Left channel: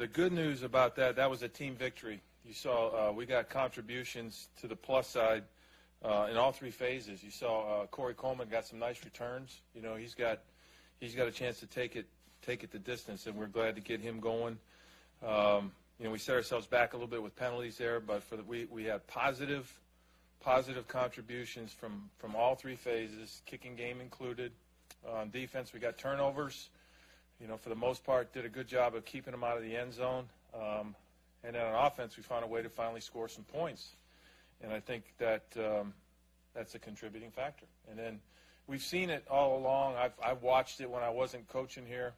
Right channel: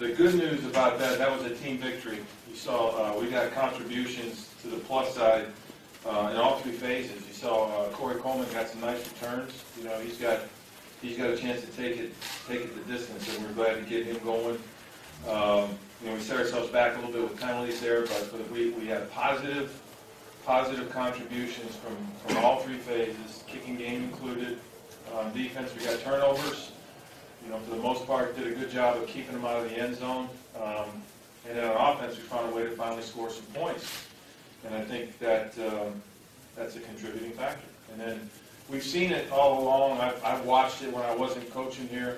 the good news about that was a team victory. You saw we got contributions to the plus side in all three phases. You saw Corey Coleman got some nice returns. You know, he's got a chance to take it the distance, and we're glad to get him going. You know, we set ourselves back a little bit with penalties there, but we had positive contributions from all three phases, kicking game included. Defense, we got turnovers. You know, for the most part, did a good job of keeping them out of the end zone. And then on offense, we found a way to finally score some points. And I think that that's a contributing factor. And then we've seen it all along. I've watched it when I wasn't coaching here.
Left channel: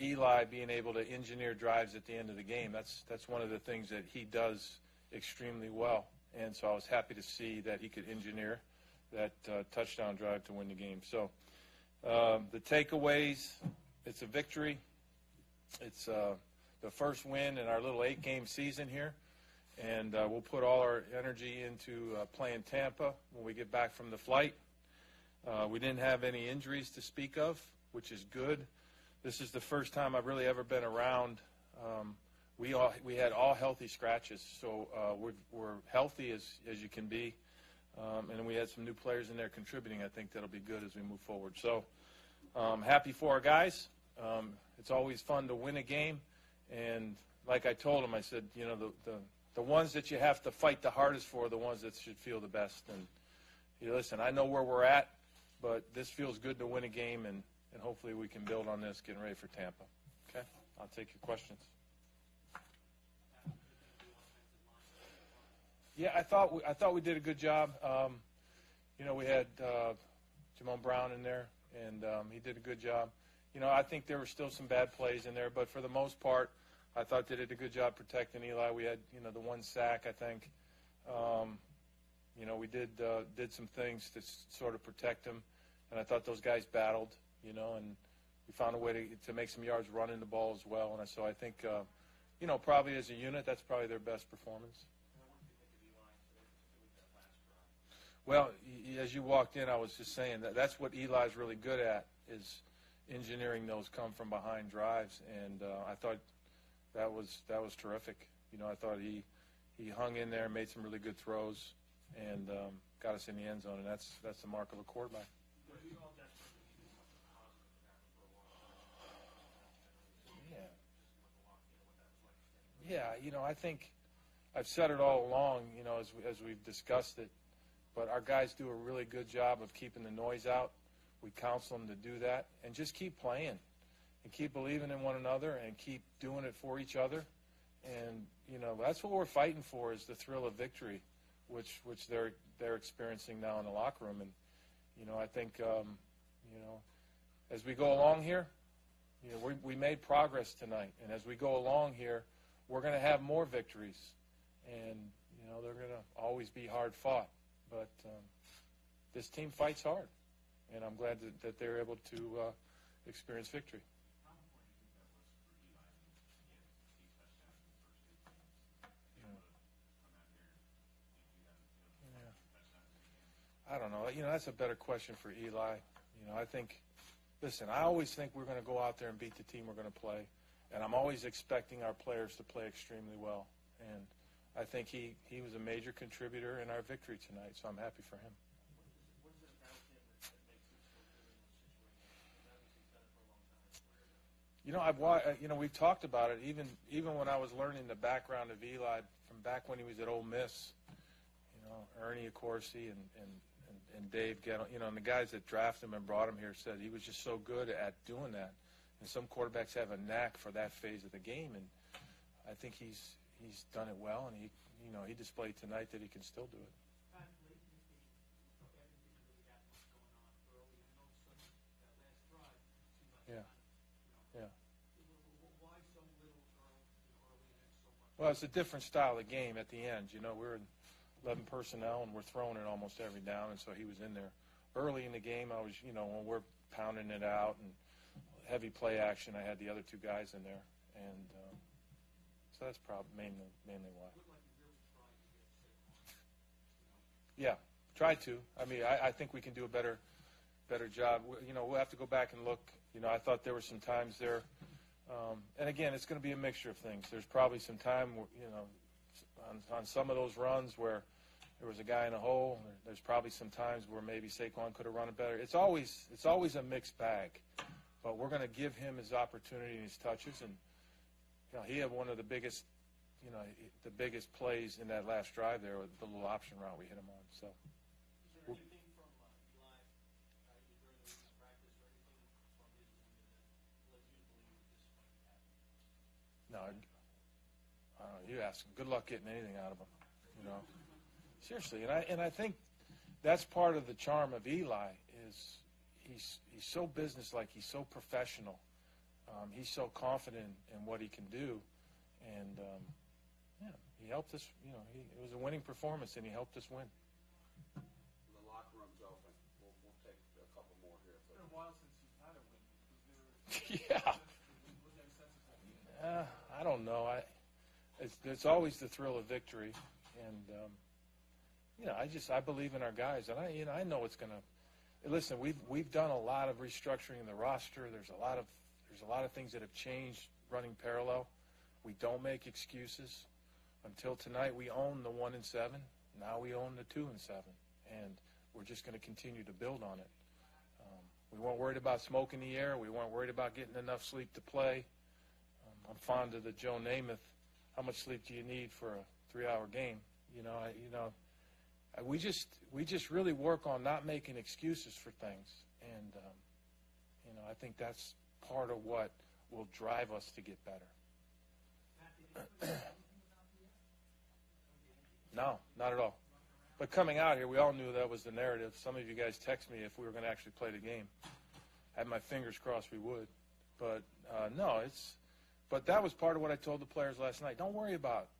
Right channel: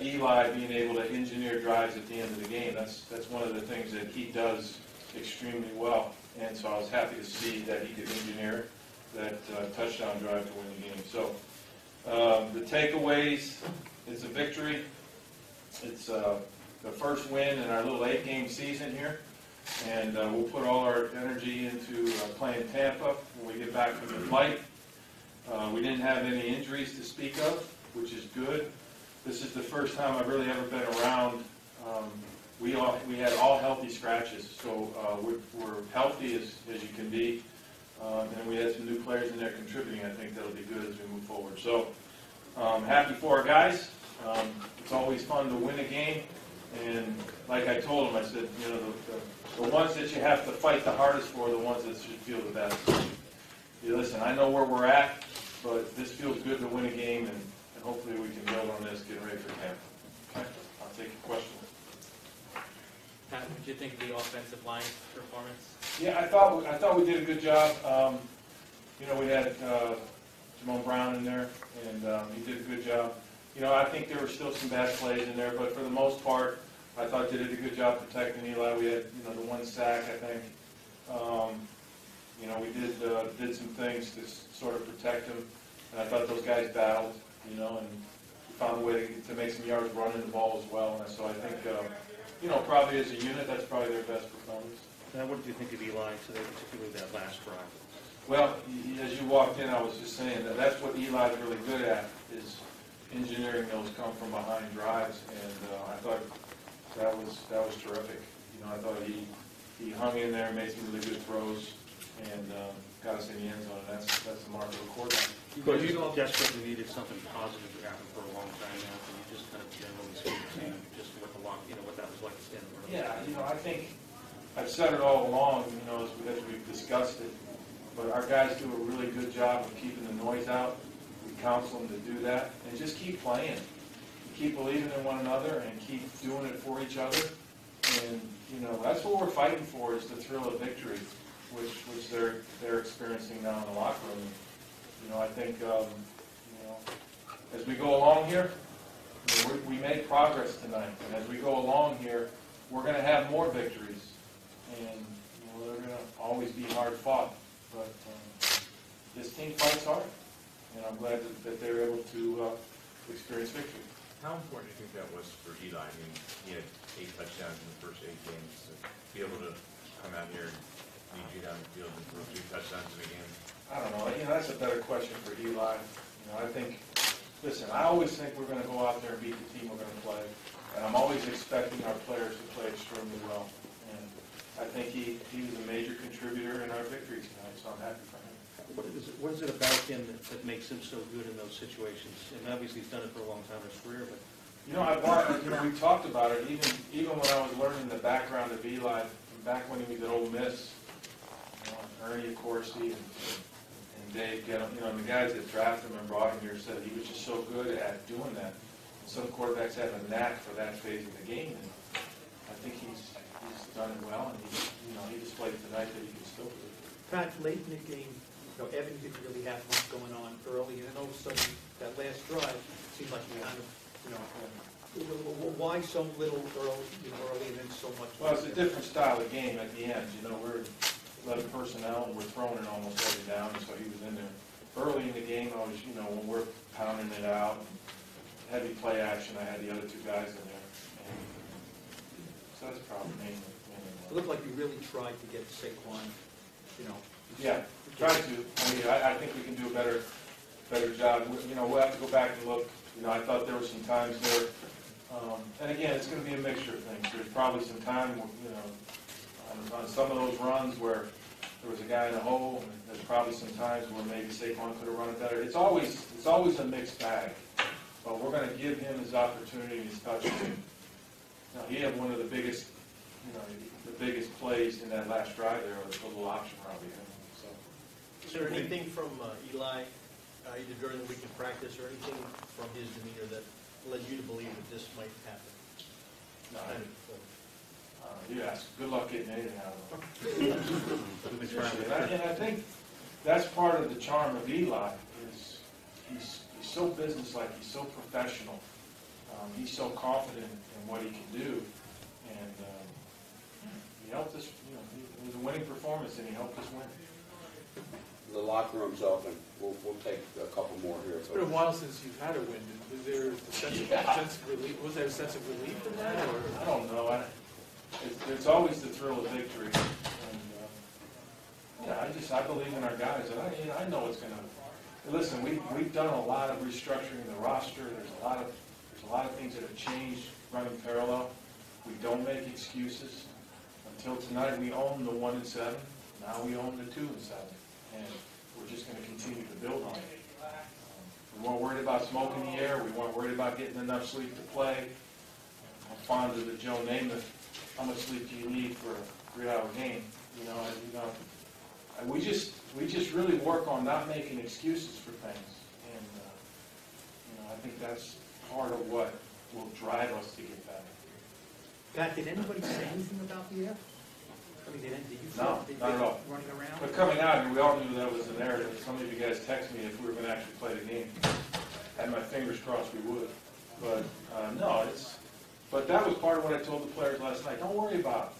Eli being able to engineer drives at the end of the game. That's one of the things that he does extremely well. And so I was happy to see that he could engineer that touchdown drive to win the game. So the takeaways, it's a victory. It's the first win in our little 8-game season here. And we'll put all our energy into playing Tampa when we get back from the flight. We didn't have any injuries to speak of, which is good. This is the first time I've really ever been around. We had all healthy scratches, so we're healthy as you can be. And then we had some new players in there contributing. I think that'll be good as we move forward. So happy for our guys. It's always fun to win a game. And like I told them, I said, you know, the ones that you have to fight the hardest for are the ones that should feel the best. You listen, I know where we're at, but this feels good to win a game, and hopefully we can build on this, get ready for camp. Okay? I'll take your question. Pat, what did you think of the offensive line performance? Yeah, I thought we did a good job. You know, we had Jamon Brown in there, and he did a good job. You know, I think there were still some bad plays in there, but for the most part, I thought they did a good job protecting Eli. We had, you know, the one sack, I think. You know, we did some things to sort of protect him, and I thought those guys battled, you know, and found a way to make some yards running the ball as well. And so I think, you know, probably as a unit, that's probably their best performance. Now, what did you think of Eli today, particularly that last drive? Well, as you walked in, I was just saying that that's what Eli's really good at, is engineering those come from behind drives, and I thought that was terrific. You know, I thought he hung in there, made some really good throws, and got us in the end zone. And that's the mark of a quarterback. But you desperately needed something positive to happen for a long time now. Can you just kind of generally speak to just what the long, you know, what that was like to stand in front of? Yeah, you know, I think I've said it all along. You know, as we've discussed it, but our guys do a really good job of keeping the noise out. We counsel them to do that, and just keep playing, keep believing in one another, and keep doing it for each other. And you know, that's what we're fighting for, is the thrill of victory, which they're experiencing now in the locker room. And, you know, I think you know, as we go along here, you know, we made progress tonight. And as we go along here, we're going to have more victories, and you know, they're going to always be hard fought. But this team fights hard, and I'm glad that they're able to experience victory. How important do you think that was for Eli? I mean, he had 8 touchdowns in the first 8 games. To be able to come out here and lead you down the field and throw 3 touchdowns in a game? I don't know. You know, that's a better question for Eli. You know, I think, listen, I always think we're going to go out there and beat the team we're going to play. And I'm always expecting our players to play extremely well. And I think he was a major contributor in our victory tonight, so I'm happy for him. What is it about him that makes him so good in those situations? And obviously he's done it for a long time in his career, but... You know, we talked about it, even when I was learning the background of Eli, back when he was at Ole Miss, you know, Ernie Accorsi and Dave, you know, the guys that drafted him and brought him here said he was just so good at doing that. And some quarterbacks have a knack for that phase of the game, and I think he's done it well, and he displayed tonight that he can still do it. Pat, late in the game, you know, Evan didn't really have much going on early, and then all of a sudden, that last drive seemed like kind of, you know, why so little early and then so much? Well, it's a different style of game at the end. You know, we're 11 personnel, and we're throwing it almost every down, and so he was in there. Early in the game, I was, you know, when we're pounding it out, and heavy play action, I had the other 2 guys in there. And, so that's probably mainly. It looked like you really tried to get Saquon, you know. Yeah, we tried to. I mean, I think we can do a better job. You know, we'll have to go back and look. You know, I thought there were some times there And again, it's gonna be a mixture of things. There's probably some time, you know, on some of those runs where there was a guy in the hole, and there's probably some times where maybe Saquon could have run it better. It's always a mixed bag, but we're gonna give him his opportunity, his touches. Now, he had one of the biggest, you know, the biggest plays in that last drive there, with the little option route he had. So, Is there anything from Eli, either during the week of practice or anything from his demeanor that led you to believe that this might happen? you ask, good luck getting anything out of him. Seriously, and I think that's part of the charm of Eli, is he's so businesslike, he's so professional, he's so confident in what he can do, and he helped us, you know, it was a winning performance, and he helped us win. The locker room's open. We'll take a couple more here. It's been a while since you've had a win. Was there a sense of relief? Was there a sense of relief in that, or? I don't know. It's always the thrill of victory. And, I believe in our guys, and I know it's going to. Listen, we've done a lot of restructuring in the roster. There's a lot of things that have changed running parallel. We don't make excuses. Until tonight, we own the 1 and 7. Now we own the 2 and 7, and we're just going to continue to build on it. We weren't worried about smoke in the air. We weren't worried about getting enough sleep to play. I'm fond of the Joe Namath. How much sleep do you need for a 3-hour game? We just really work on not making excuses for things, and I think that's part of what will drive us to get better. Pat, did anybody say anything about the air? I mean, did you No, feel not at all. running around? But coming out here, we all knew that was the narrative. Some of you guys texted me if we were going to actually play the game. I had my fingers crossed we would, but no, But that was part of what I told the players last night. Don't worry about it.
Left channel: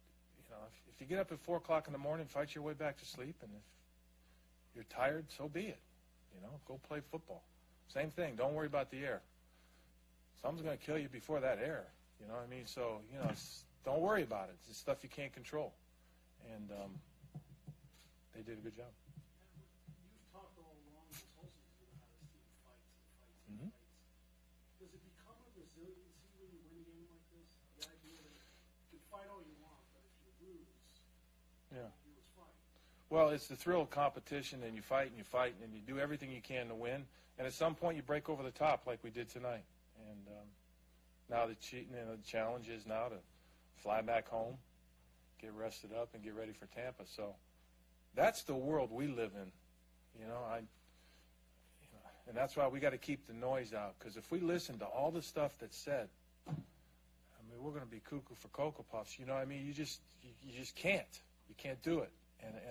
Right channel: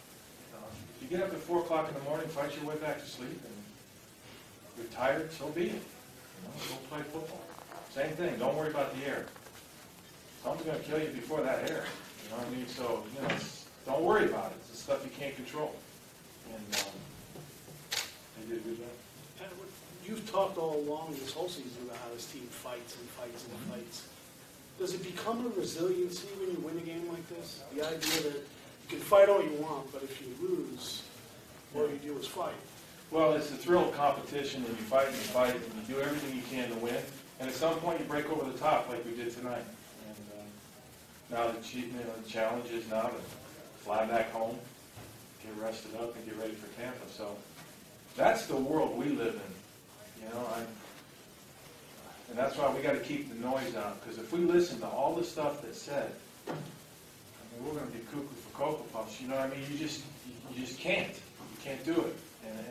If you get up at 4 o'clock in the morning, fight your way back to sleep, and you're tired, so be it. Go play football. Same thing. Don't worry about the air. Something's going to kill you before that air. You know what I mean? So, don't worry about it. It's the stuff you can't control. And they did a good job. You've talked all along this whole season about how this team fights and fights and fights. Does it become a resiliency when you win a game like this? The idea that you can fight all you want, but if you lose, all you do is fight. Well, it's the thrill of competition, and you fight, and you do everything you can to win. And at some point, you break over the top like we did tonight. And now the challenge is now to fly back home, get rested up, and get ready for Tampa. So that's the world we live in. And that's why we got to keep the noise out. Because if we listen to all the stuff that's said, we're going to be cuckoo for Cocoa Puffs. You know what I mean? You just can't. You can't do it.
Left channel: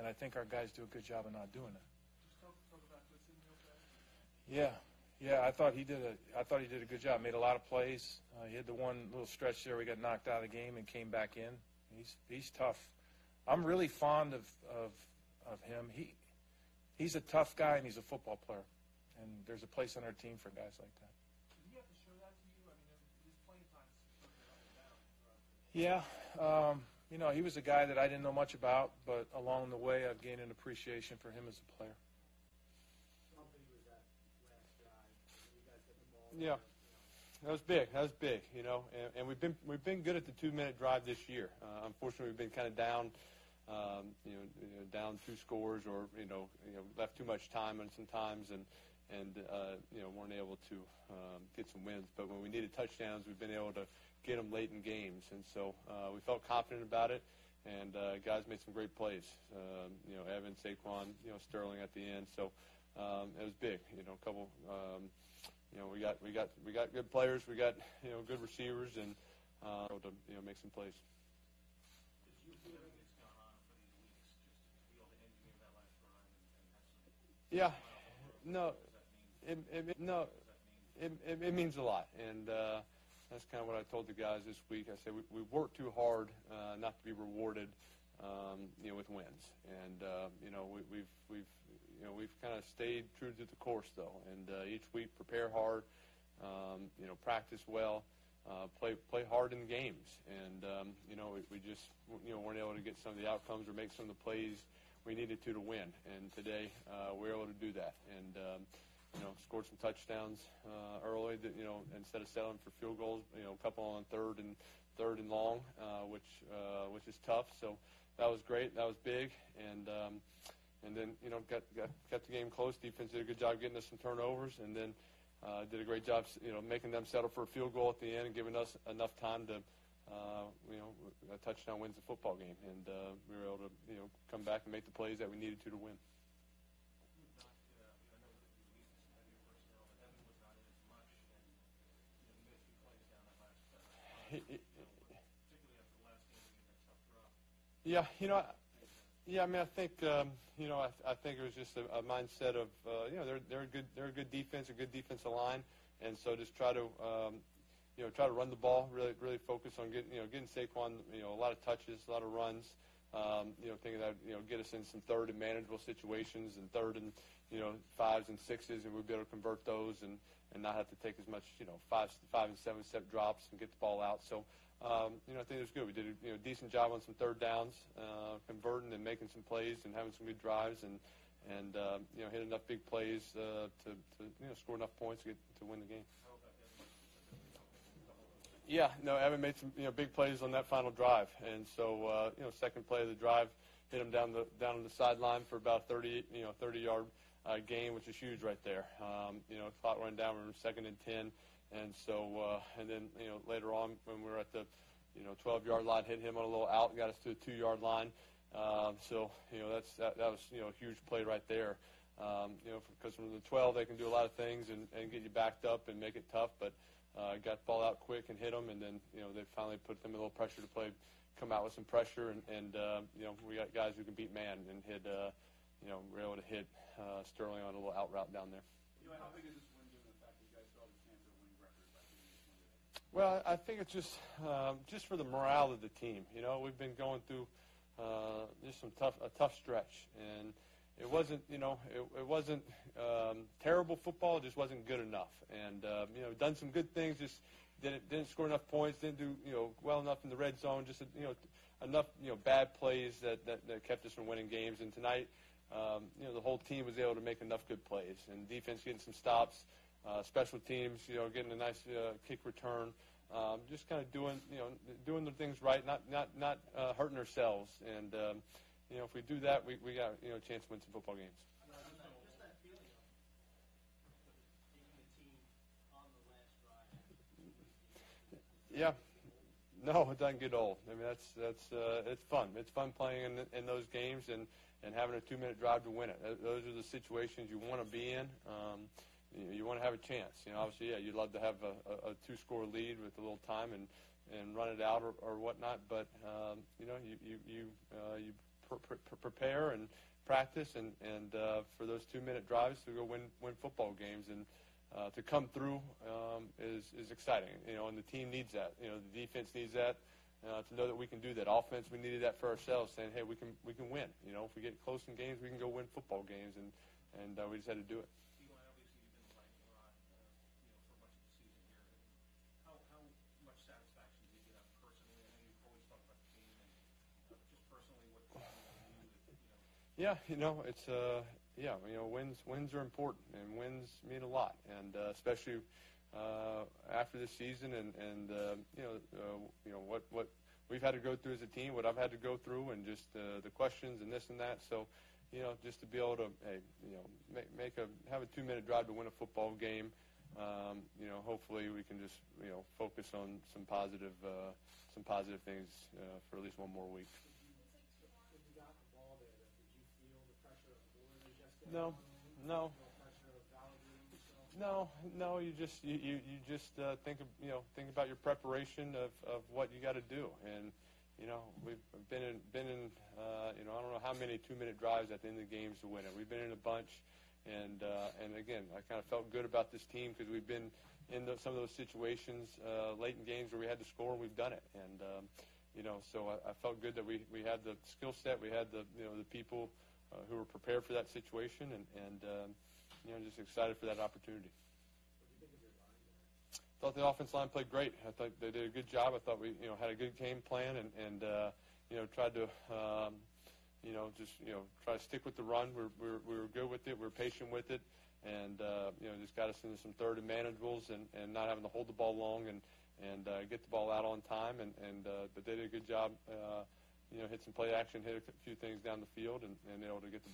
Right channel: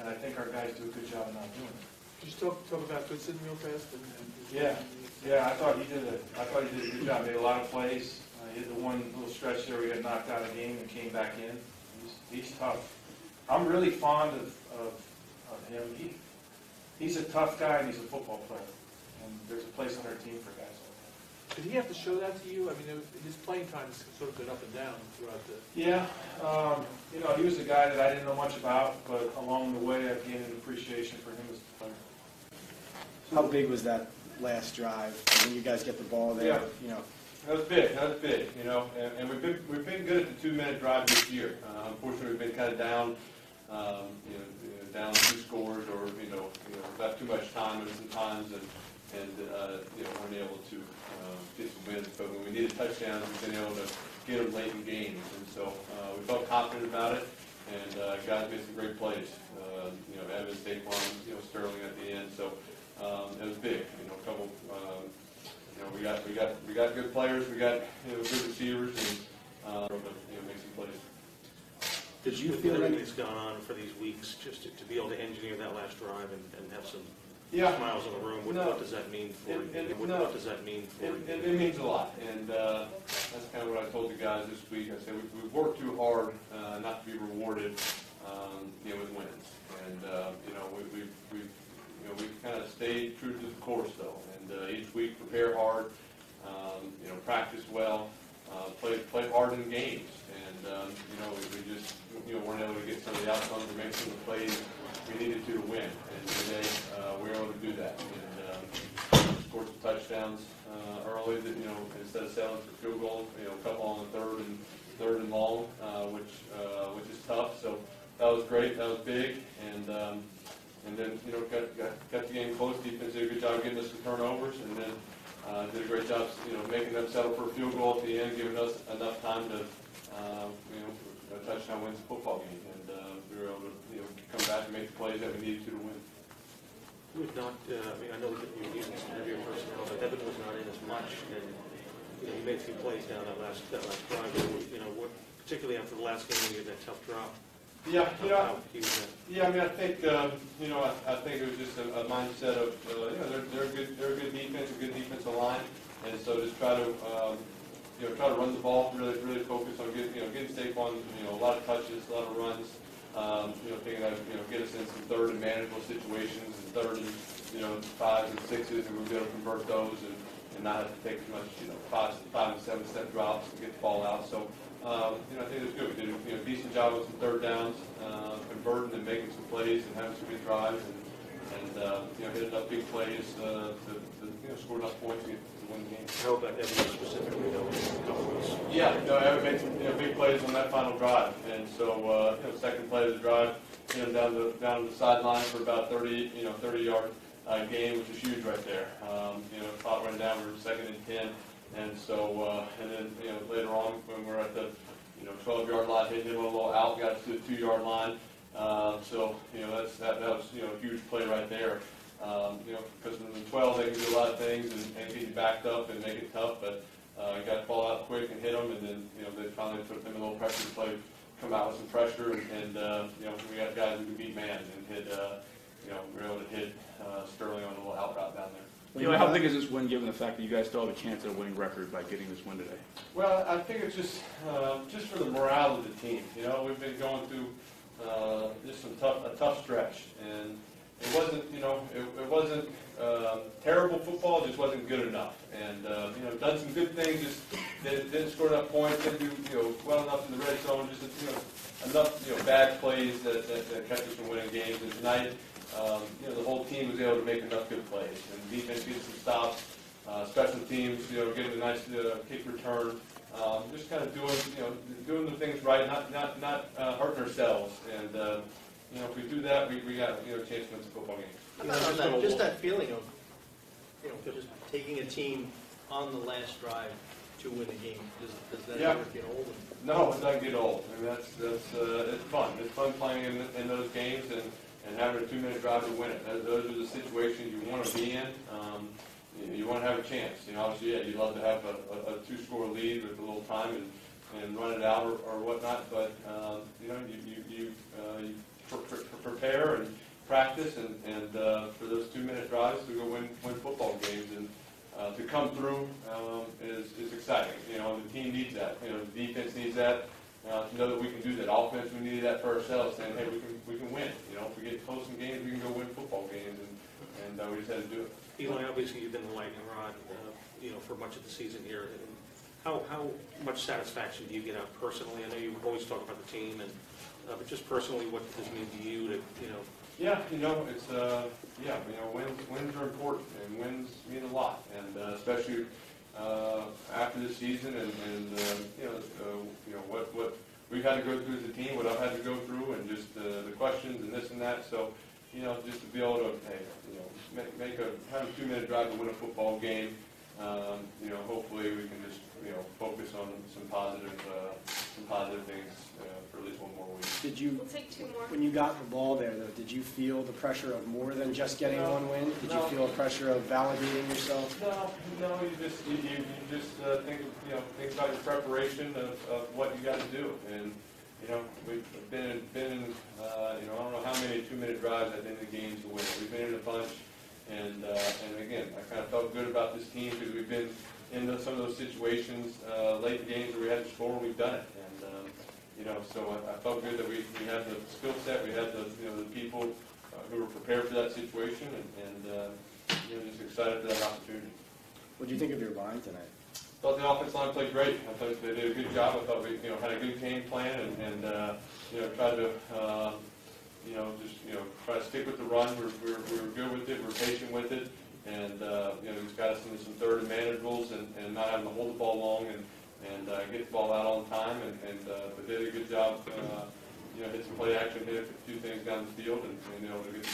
And I think our guys do a good job of not doing it. Just talk about Goodson real fast. Yeah. I thought he did a good job. Made a lot of plays. He hit the one little stretch there where he got knocked out of the game and came back in. He's tough. I'm really fond of him. He's a tough guy, and he's a football player. And there's a place on our team for guys like that. Did he have to show that to you? I mean, his playing time has sort of been up and down throughout the. Yeah, he was a guy that I didn't know much about, but along the way I've gained an appreciation for him as a player. How big was that last drive when you guys get the ball there? Yeah. That was big, and we've been good at the 2-minute drive this year. Unfortunately, we've been kind of down, down 2 scores, or left too much time at some times, and weren't able to get some wins. But when we needed touchdowns, we've been able to get them late in games, and so we felt confident about it. And guys made some great plays. Evans, Saquon, Sterling at the end. So it was big. A couple. We got good players. We got good receivers, and make some plays. Did you feel everything's gone on for these weeks, just to be able to engineer that last drive and have some smiles in the room? What does that mean for you? What does that mean for you? It means a lot, and that's kind of what I told the guys this week. I said we've worked too hard not to be rewarded, with wins, and we've kind of stayed true to the course though, and each week prepare hard, practice well, play hard in games, and we just weren't able to get some of the outcomes or make some of the plays we needed to win, and today we were able to do that, and scored some touchdowns early that instead of settling for field goal, a couple on settle for a field goal at the end, giving us enough time to, a touchdown wins the football game. And we were able to, come back and make the plays that we needed to win. We've not, I know that you're using some heavier personnel, but Evan was not in as much, and, he made a few plays down that last drive. Particularly after the last game, when you had that tough drop. Yeah, I I think, I think it was just a mindset of, they're a good defense, a good defensive line, and so just try to run the ball, really focus on getting Saquon, a lot of touches, a lot of runs, thinking of, get us in some third and manageable situations, and third and, 5s and 6s, and we'll be able to convert those and not have to take as much, 5 and 7 step drops and get the ball out. So, I think it was good. We did a decent job with some third downs, converting and making some plays and having some good drives, and hit enough big plays to score enough points to win the game. How about Evan specifically, Yeah, Evan made some big plays on that final drive, and so second play of the drive, down the sideline for about 30-yard gain, which is huge right there. Caught run down, we were 2nd and 10, and so and then later on when we're at the 12-yard line, hit him a little out, got to the 2-yard line. So that was a huge play right there. Because in the 12 they can do a lot of things and get you backed up and make it tough, but you got to fall out quick and hit them, and then they finally put them in a little pressure play, come out with some pressure, and we got guys who can beat man and hit. We were able to hit Sterling on a little out route down there. How big is this win, given the fact that you guys still have a chance at a winning record by getting this win today? Well, I think it's just for the morale of the team. We've been going through just a tough stretch, and it wasn't, it wasn't terrible football. It just wasn't good enough. And done some good things, just didn't score enough points, didn't do well enough in the red zone. Just enough bad plays that kept us from winning games. And tonight, the whole team was able to make enough good plays, and defense getting some stops, special teams, getting a nice kick return, just kind of doing the things right, not hurting ourselves. And if we do that, we got a chance to win some football games. Just that feeling of just taking a team on the last drive to win a game. Does that ever get old? No, it doesn't get old. I mean, that's it's fun. It's fun playing in those games and having a 2-minute drive to win it. Those are the situations you want to be in. You want to have a chance. Obviously, you'd love to have a 2-score lead with a little time and run it out or whatnot. But you prepare and practice and for those 2-minute drives to go win football games, and to come through is exciting. The team needs that. The defense needs that. To know that we can do that. Offense, we needed that for ourselves, saying, hey, we can win. If we get close in games, we can go win football games, and we just had to do it. Eli, obviously you've been the lightning rod, for much of the season here. How much satisfaction do you get out personally? I know you always talk about the team, but just personally, what does it mean to you to, Yeah, it's wins are important, and wins mean a lot, and especially after this season, and what we've had to go through as a team, what I've had to go through, and just the questions and this and that. So, just to be able to have a 2-minute drive to win a football game. Hopefully we can just focus on some positive things for at least one more week. Did you? We'll take 2 more. When you got the ball there, though, did you feel the pressure of more than just getting one win? Did you feel a pressure of validating yourself? No. You just think about your preparation of what you got to do, and we've been in I don't know how many 2-minute drives at the end of the games to win. We've been in a bunch, and again, I kind of felt good about this team because we've been in some of those situations late in games where we had to score, and we've done it. And so I felt good that we had the skill set, we had the people who were prepared for that situation, and just excited for that opportunity. What do you think of your line tonight? I thought the offensive line played great. I thought they did a good job. I thought we had a good game plan and tried to try to stick with the run. We were good with it. We were patient with it, and just got us into some third and manageables and not having to hold the ball long and get the ball out on time. But they did a good job. Hit some play action, hit a few things down the field, and to get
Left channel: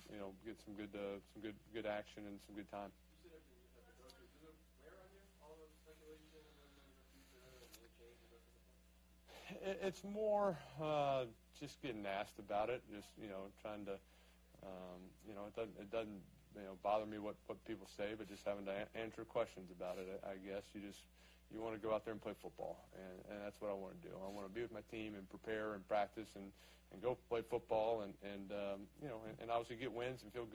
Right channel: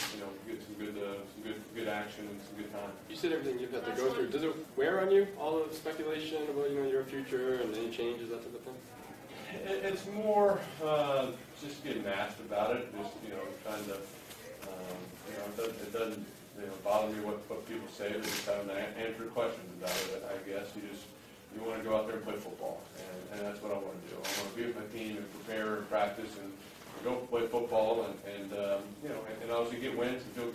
some good action and some good time. You said everything you've had to go through. Does it wear on you, all the speculation about, your future and any changes, that type of thing? It's more just getting asked about it, just, trying to, it doesn't, bother me what people say, but just having to answer questions about it, I guess. You want to go out there and play football, and that's what I want to do. I want to be with my team and prepare and practice and go play football and obviously get wins and feel